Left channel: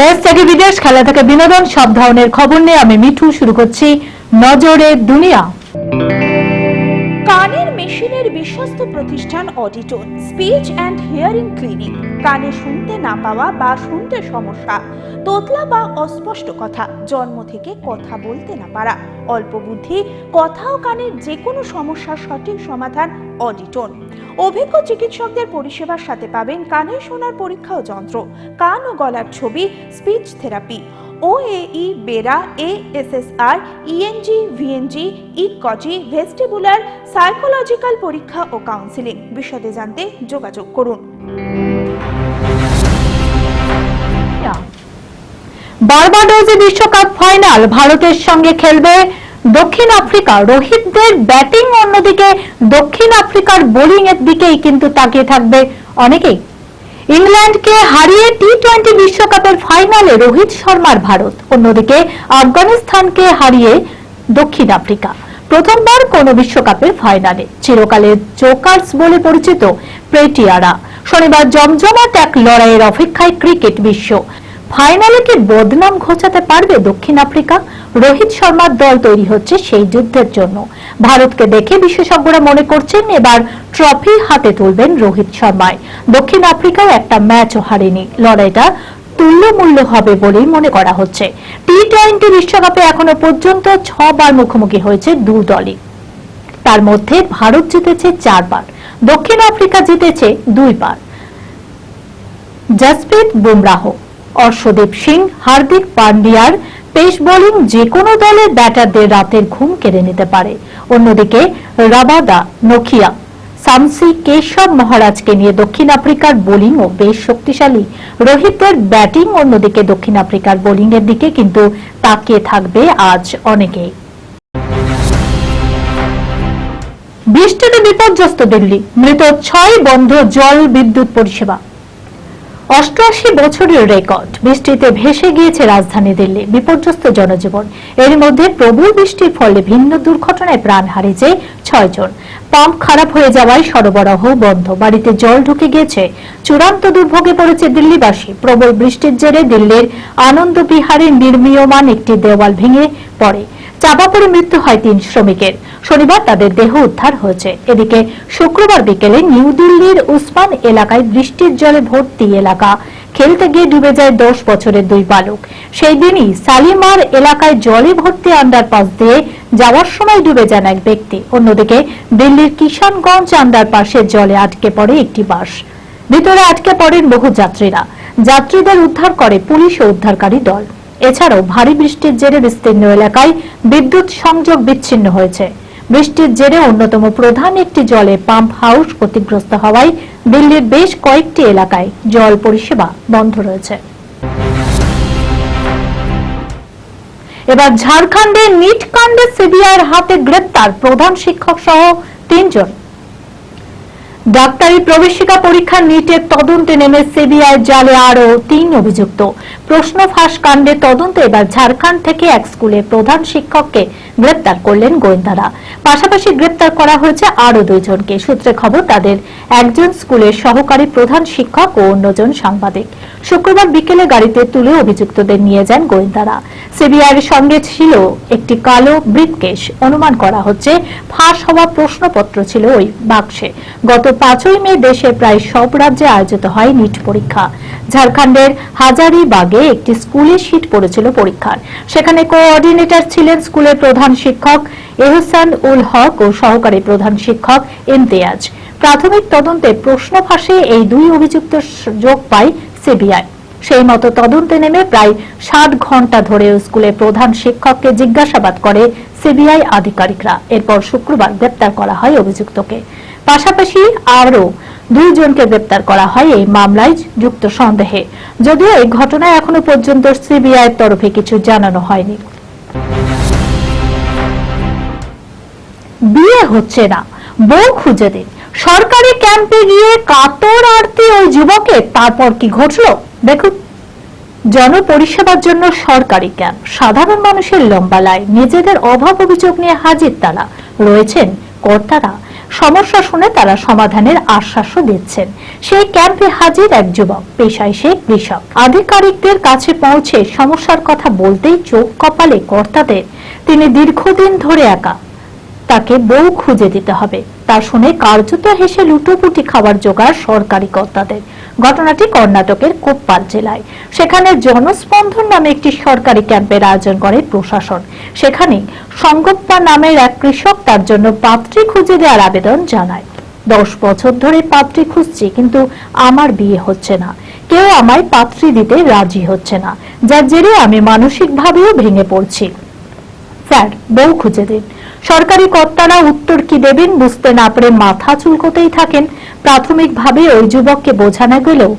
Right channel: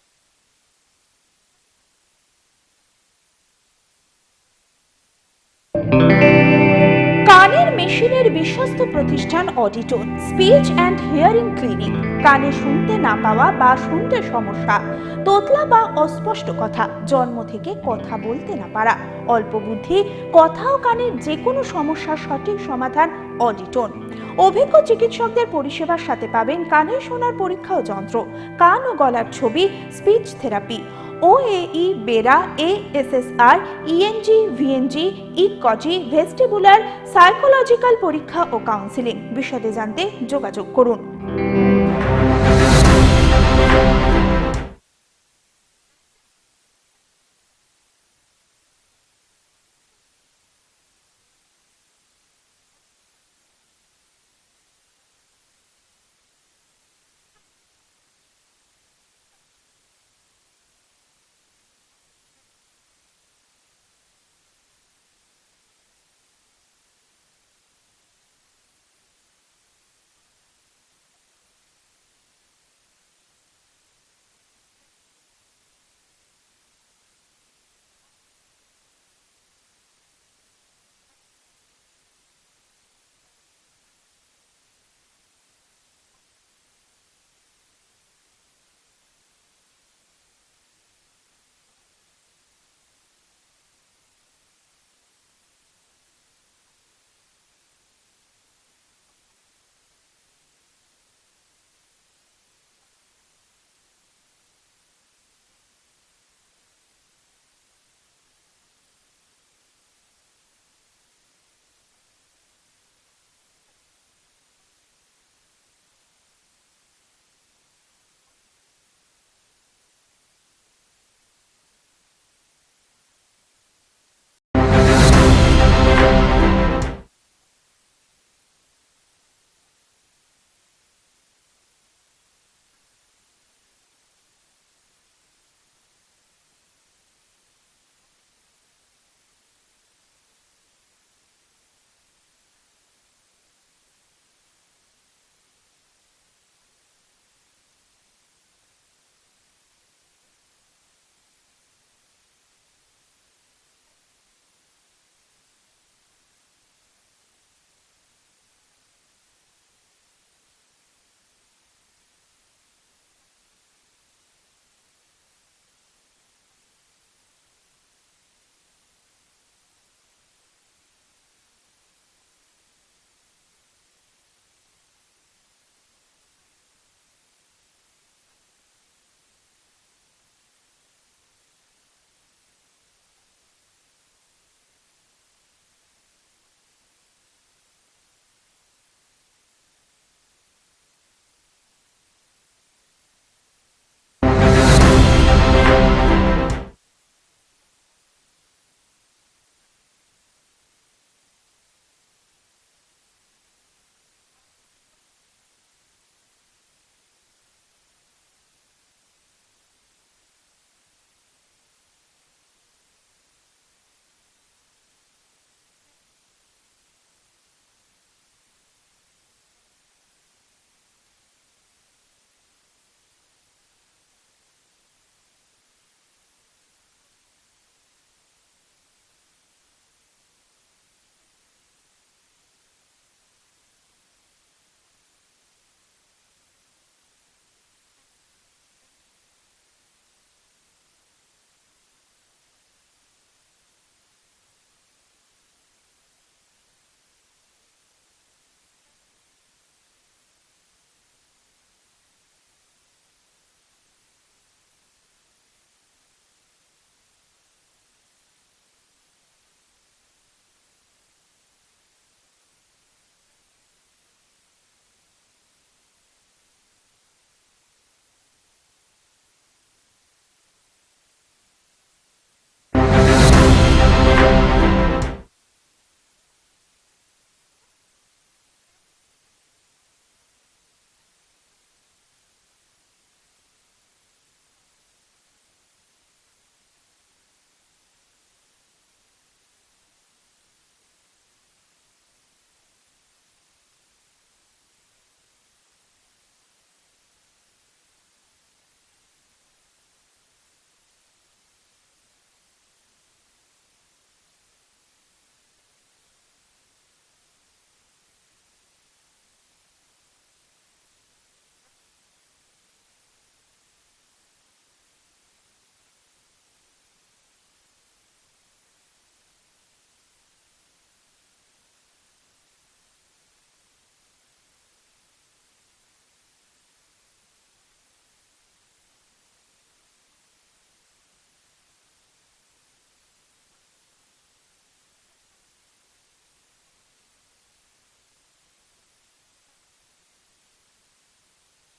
দেশ থেকে বিদেশ, খেলা থেকে বিনোদন, সব ধরনের খবর নিয়ে আমি মিঠু শুরু করছি নজরে দুনিয়া। কানের মেশিনের বিশ্বস্ত প্রতিষ্ঠান অডিটন, স্পিচ অ্যান্ড হিয়ারিং ক্লিনিক। কানে শুনতে না পাওয়া বা শুনতে সমস্যা, তোতলা বা অস্পষ্ট কথা, জন্ম থেকে কথা বলতে না পারা, অল্প বুদ্ধি, কথা ও কানের যে কোনো সমস্যার সঠিক সমাধান অডিটন। অভিজ্ঞ চিকিৎসকদের পরিষেবার সাথে পাবেন কানে শোনার পরীক্ষা ও যন্ত্র, কান ও গলার ছবি, speech therapy, OAE, BERA, ASSR, ENG, VNG, ইকজি, ভেস্টিবুলার, সাইকোলজিক্যাল পরীক্ষা ও কাউন্সিলিং। বিশদে জানতে যোগাযোগ করুন। বার্বাডোজে বিশ্বকাপ ফাইনাল, ভারতের সঙ্গে খেলবে দক্ষিণ আফ্রিকা। রোহিতদের ব্যাটিং, অন্যদিকে দক্ষিণ আফ্রিকার বোলিং এর দিকেই কিন্তু তাকিয়ে থাকবে অনেকেই। ইংল্যান্ডকে হারিয়ে টি-20 বিশ্বকাপের ফাইনালে রোহিত শর্মার ভারত, অন্যদিকে আফগানিস্তানকে হারিয়ে দক্ষিণ আফ্রিকা। প্রথমবার কোন বিশ্বকাপের ফাইনালে। চিরকালের জোকার্স বলে পরিচিত প্রেটিয়ারা শনিবার জমজমাট এক লড়াইয়ের অপেক্ষায় ক্রিকেট বিশ্ব। ফাইনালে কি বদনাম ঘোচাতে পারবে দক্ষিণ আফ্রিকা? রোহিত শর্মার দল তৈরি হচ্ছে সেই যুদ্ধের জন্য। ভারতকে দেখে বিশেষজ্ঞরা মনে করছেন এবার ট্রফি হাতে তুলবেন রোহিত শর্মায়। দক্ষিণ আফ্রিকাও একটা ম্যাচও হারেনি। লড়াইটা তুল্যমূল্য হবে বলেই মনে করা হচ্ছে। টি-20 বিশ্বকাপে এখনো পর্যন্ত 6 বার মুখোমুখি হয়েছে দু দলই। তার মধ্যে ভারত জিতেছে 4 বার, দক্ষিণ আফ্রিকা জিতেছে 2 বার। জসপ্রীত বুমরাহ, অর্শদীপ সিং, হার্দিক পান্ডিয়ার পেস বোলিং যে কোনো দলের ব্যাটারদের রাতের ঘুম কেড়ে নিতে পারে। অন্যদিকে রাবাদা, নোকিয়া, সামসি, কেশব মহারাজকে নিয়ে দক্ষিণ আফ্রিকার বোলিংও বেশ শক্তিশালী। রোহিতের ব্যাটিং, অন্যদিকে দক্ষিণ আফ্রিকার বোলিং এর দিকে কিন্তু তাকিয়ে থাকবে আজ অনেকেই। বৃষ্টিতে বিপর্যস্ত দিল্লি, মৃত 6, বন্ধ জল বিদ্যুৎ পরিষেবা। 88 বছরের রেকর্ড, বৃষ্টিতে ভেসে গিয়েছে রাজধানী দিল্লি, বিপর্যস্ত জনজীবন। এর মধ্যে প্রবল বৃষ্টির ফলে ভিন্ন দুর্ঘটনায় প্রাণ হারিয়েছে 6 জন। পাম্প খারাপ হয়ে যাওয়ায় সরবরাহ বন্ধ, বাড়িতে জল ঢুকে গিয়েছে। চূড়ান্ত দুর্ভোগে পড়েছে দিল্লিবাসী। প্রবল বৃষ্টির জেরে দিল্লির আনন্দ বিহারে নির্মীয়মান একটি দেওয়াল ভেঙে পড়ে, চাপা পড়ে মৃত্যু হয় 3 শ্রমিকের। শনিবার তাদের দেহ উদ্ধার হয়েছে। এদিকে শুক্রবার বিকেলে নিউ দিল্লির উসমান এলাকায় বৃষ্টির জলে ভর্তি এলাকা, খেলতে গিয়ে ডুবে যায় 10 বছরের 2 বালক। সেই দিনই সালিমার এলাকায় জলে ভর্তি আন্ডারপাস দিয়ে যাওয়ার সময় ডুবে যান এক ব্যক্তি। অন্যদিকে দিল্লির কিষানগঞ্জ আন্ডারপাসে জলে আটকে পড়ে একটি বাস, ভিতরে আটকে পড়েন বহু যাত্রীরা। যাত্রীদের উদ্ধার করে পুলিশ ও উদ্ধারকারী দল। এছাড়াও ভারী বৃষ্টির জেরে বিস্তীর্ণ এলাকায় বিদ্যুৎ সংযোগ বিচ্ছিন্ন হয়েছে। বৃষ্টির জেরে অন্যতম প্রধান একটি জলে পাম্প হাউস ক্ষতিগ্রস্ত হওয়ায় দিল্লির বেশ কয়েকটি এলাকায় জল পরিষেবা বন্ধ রয়েছে। এবার ঝাড়খণ্ডে নিট কাণ্ডে সিবিআইয়ের হাতে গ্রেপ্তার প্রধান শিক্ষক সহ 3 জন। ডাক্তারি প্রবেশিকা পরীক্ষা নিটের তদন্তে নেমে সিবিআই জালে আরো 3 অভিযুক্ত। প্রশ্ন ফাঁস কাণ্ডে তদন্ত এবার ঝাড়খণ্ড থেকে এক স্কুলের প্রধান শিক্ষককে গ্রেপ্তার করলেন গোয়েন্দারা। পাশাপাশি গ্রেপ্তার করা হয়েছে আরো 2 জনকে। সূত্রে খবর, তাদের একজন স্কুলের সহকারী প্রধান শিক্ষক ও অন্যজন সাংবাদিক। শুক্রবার বিকেলে গাড়িতে তুলে অভিযুক্তদের নিয়ে যান গোয়েন্দারা। সিবিআইয়ের সঙ্গে ছিল একটি কালো ব্রিফকেস। অনুমান করা হচ্ছে ফাঁস হওয়া প্রশ্নপত্র ছিল ওই বাক্সে। গত 5ই মে দেশের প্রায় সব রাজ্যে আয়োজিত হয় নিট পরীক্ষা। ঝাড়খণ্ডের হাজারিবাগে একটি স্কুলে সিট পড়েছিল পরীক্ষার। সেখানে কোঅর্ডিনেটর ছিলেন স্কুলের প্রধান শিক্ষক এহসান উল হক ও সহকারী প্রধান শিক্ষক ইমতিয়াজ। প্রাথমিক তদন্তে প্রশ্ন ফাঁসে এই 2 অভিযুক্ত যোগ পায় সিবিআই। সেই মতো তদন্তে নেমে প্রায় 7 ঘন্টা ধরে স্কুলের প্রধান শিক্ষককে জিজ্ঞাসাবাদ করে সিবিআই আধিকারিকরা। এরপর শুক্রবার গ্রেপ্তার করা হয় অভিযুক্তকে। পাশাপাশি আরো 2 জনকে গ্রেপ্তার করা হয় এই মামলায় যুক্ত সন্দেহে। যদিও এই ঘটনায় এখনো পর্যন্ত সিবিআইয়ের তরফে কিছু জানানো হয়নি। বিয়ে হচ্ছে না, বউ খুঁজে দিন। সরকারি ক্যাম্পে গিয়ে কাতর আরতি ওই যুবকের, তারপর কি ঘটলো দেখুন। জনপরিষেবার জন্য সরকারি ক্যাম্প, সাধারণ মানুষের লম্বা লাইন, নিজেদের অভাব অভিযোগ নিয়ে হাজির তারা। রয়েছেন কর্তারা। সমস্যা শুনে তারা সমাধানের আশ্বাসও দিচ্ছেন। সেই ক্যাম্পে হাজির এক যুবক, পেশায় সে কৃষক। আধিকারিকদের কাছে পৌঁছে সমস্যার কথা বলতেই চোখ কপালে কর্তাদের। তিনি দীর্ঘদিন ধরে একা, তাকে বউ খুঁজে দিতে হবে। তা শুনে কার্যত হেসে লুটোপুটি খাবার জোগাড় সরকারি কর্তাদের। ঘটনাটি কর্ণাটকের কোপ্পাল জেলায়। সেখানে জনস্পন্দন নামে একটি সরকারি ক্যাম্পের আয়োজন করে প্রশাসন। সেখানে সংগপ্পা নামের এক কৃষক তার জন্য পাত্রী খুঁজে দেওয়ার আবেদন জানায়। 10 বছর ধরে পাত্রী খুঁজছি, কিন্তু আমার বিয়ে হচ্ছে না। কেউ আমায় পাত্রী দিতে রাজি হচ্ছে না, যার জেরে আমি মানসিকভাবেও ভেঙে পড়ছি। স্যার, বউ খুঁজে দিন। সরকারি কর্তারা উত্তর কি দেবেন বুঝতে না পেরে মাথা চুলকোতেই থাকেন। প্রাথমিকভাবে ওই যুবককে বোঝানো গেলেও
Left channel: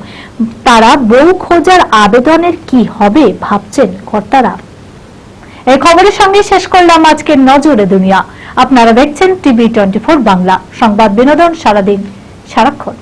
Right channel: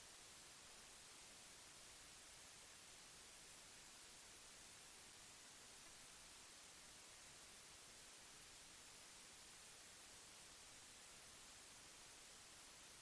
তারা বউ খোঁজার আবেদনের কি হবে ভাবছেন কর্তারা। এই খবরের সঙ্গে শেষ করলাম আজকের নজরে দুনিয়া। আপনারা দেখছেন টিভি 24 বাংলা, সংবাদ বিনোদন সারাদিন সারাক্ষণ।